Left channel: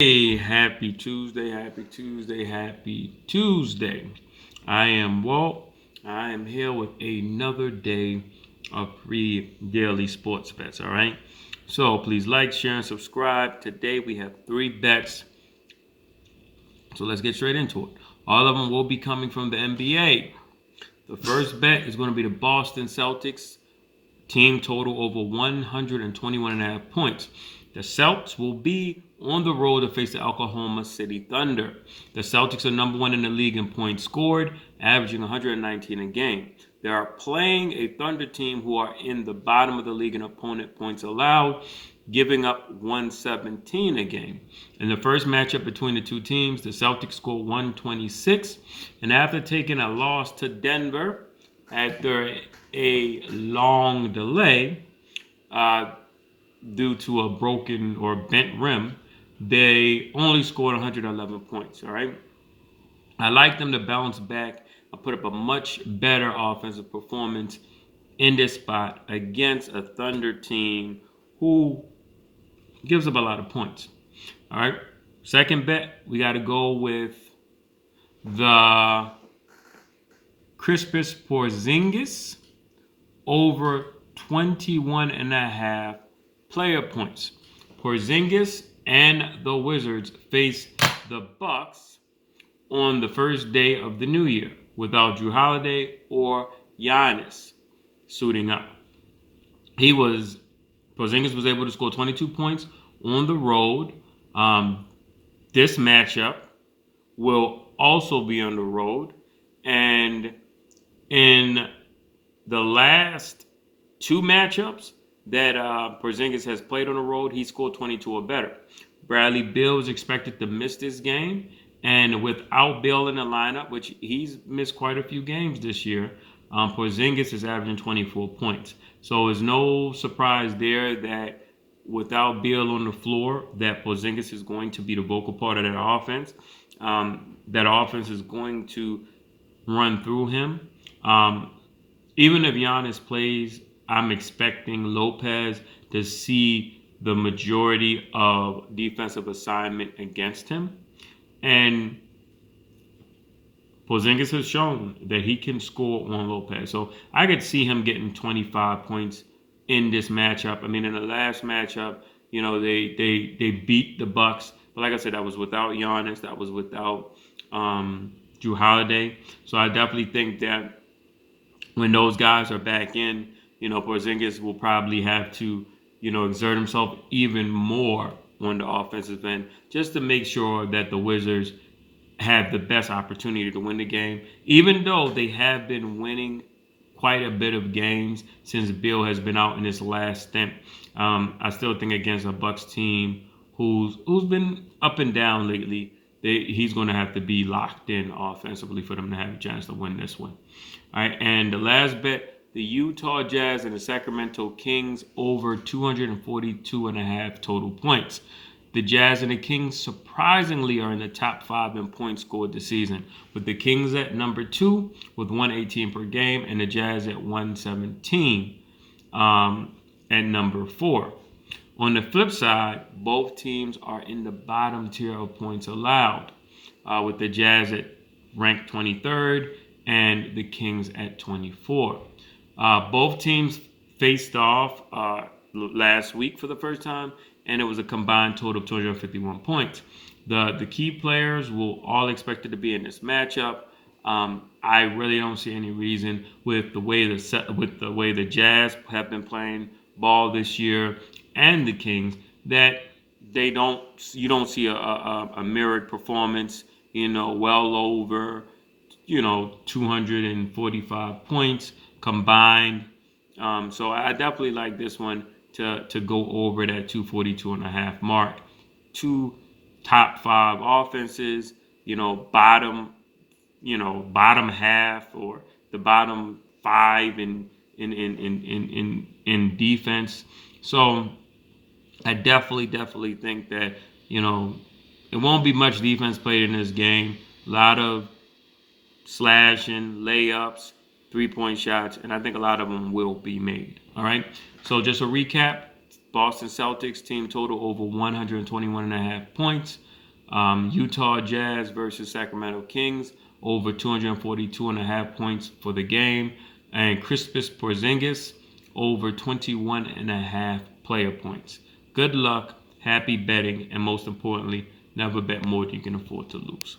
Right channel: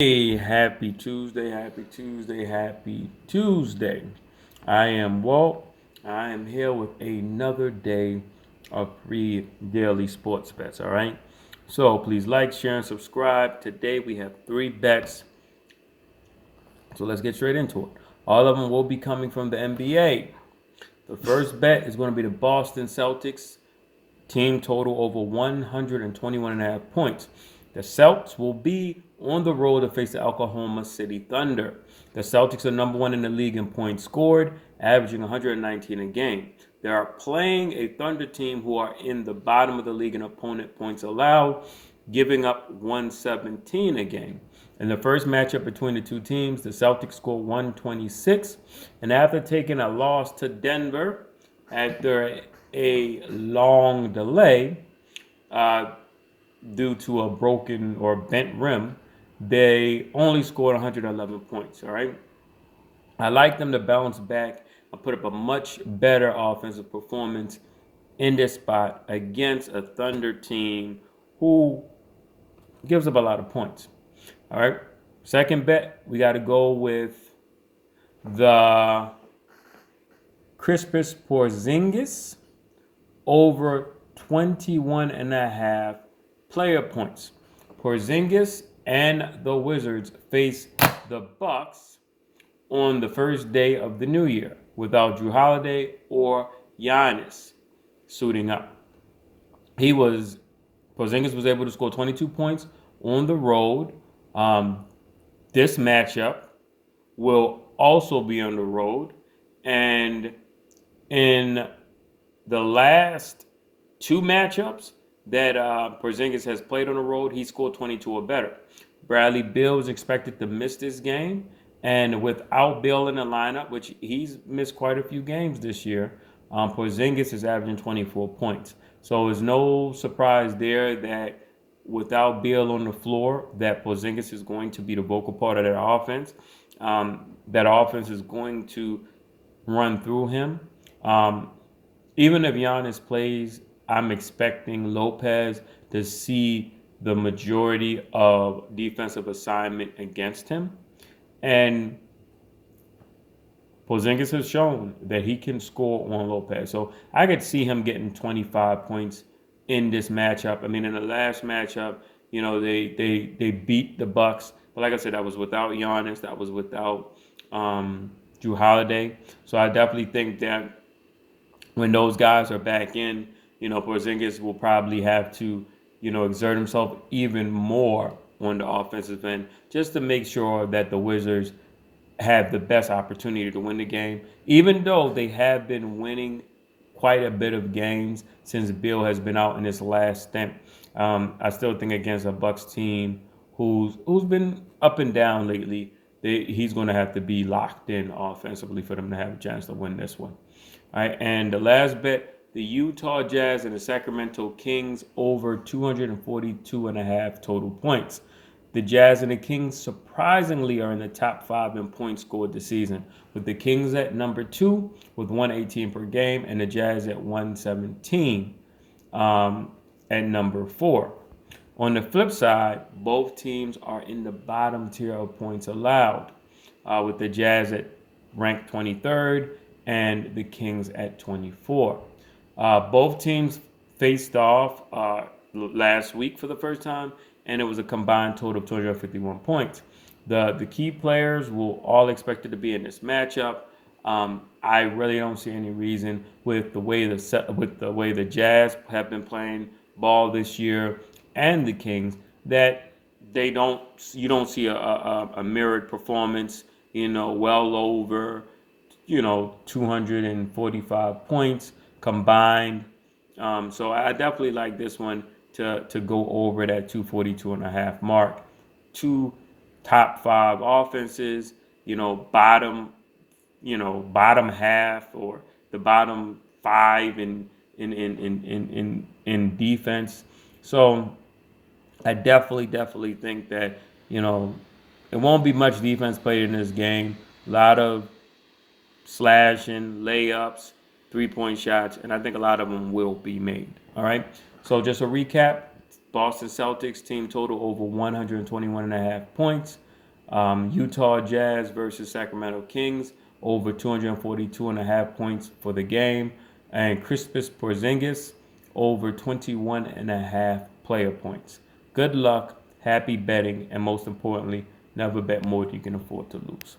Hey, happy Tuesday, happy Tuesday, happy Tuesday. I am Walt. I am here with another day of free daily sports bets, all right? So please like, share, and subscribe. Today we have three bets. So let's get straight into it. All of them will be coming from the NBA. The first bet is going to be the Boston Celtics team total over 121.5 points. The Celtics will be on the road to face the Oklahoma City Thunder. The Celtics are number one in the league in points scored, averaging 119 a game. They are playing a Thunder team who are in the bottom of the league in opponent points allowed, giving up 117 a game. In the first matchup between the two teams, the Celtics scored 126, and after taking a loss to Denver after a long delay due to a broken or bent rim, they only scored 111 points. All right. I like them to bounce back and put up a much better offensive performance in this spot against a Thunder team who gives up a lot of points. All right. Second bet, we got to go with the Kristaps Porzingis over 21 and a half player points. Porzingis and the Wizards face the Bucks on the first day of the new year without Drew Holiday or Giannis suiting up. Porzingis was able to score 22 points on the road. This matchup will also be on the road, and in the last two matchups that Porzingis has played on the road, he scored 22 or better. Bradley Beal is expected to miss this game, and without Beal in the lineup, which he's missed quite a few games this year, Porzingis is averaging 24 points. So it's no surprise there that without Beal on the floor, that Porzingis is going to be the vocal part of that offense. That offense is going to run through him. Even if Giannis plays, I'm expecting Lopez to see the majority of defensive assignment against him. And Porzingis has shown that he can score on Lopez. So I could see him getting 25 points in this matchup. I mean, in the last matchup, they beat the Bucks. But like I said, that was without Giannis. That was without Drew Holiday. So I definitely think that when those guys are back in, Porzingis will probably have to, exert himself even more on the offensive end just to make sure that the Wizards have the best opportunity to win the game, even though they have been winning quite a bit of games since Bill has been out in his last stint. I still think against a Bucks team who's been up and down lately, he's going to have to be locked in offensively for them to have a chance to win this one. All right, and the last bet, the Utah Jazz and the Sacramento Kings over 242 and a half total points. The Jazz and the Kings surprisingly are in the top 5 in points scored this season, with the Kings at number 2 with 118 per game and the Jazz at 117 at number 4. On the flip side, both teams are in the bottom tier of points allowed, with the Jazz at ranked 23rd and the Kings at 24. Both teams faced off last week for the first time, and it was a combined total of 251 points. The key players will all expected to be in this matchup. I really don't see any reason with the way the Jazz have been playing ball this year and the Kings that you don't see a mirrored performance. Well over 245 points combined. So I definitely like this one to go over that 242 and a half mark. Two top 5 offenses, bottom half or the bottom 5 in defense. So I definitely think that it won't be much defense played in this game. A lot of slashing, layups, 3-point shots, and I think a lot of them will be made. All right. So just a recap: Boston Celtics team total over 121 and a half points. Utah Jazz versus Sacramento Kings, over 242.5 points for the game. And Kristaps Porzingis, over 21.5 player points. Good luck, happy betting, and most importantly, never bet more than you can afford to lose.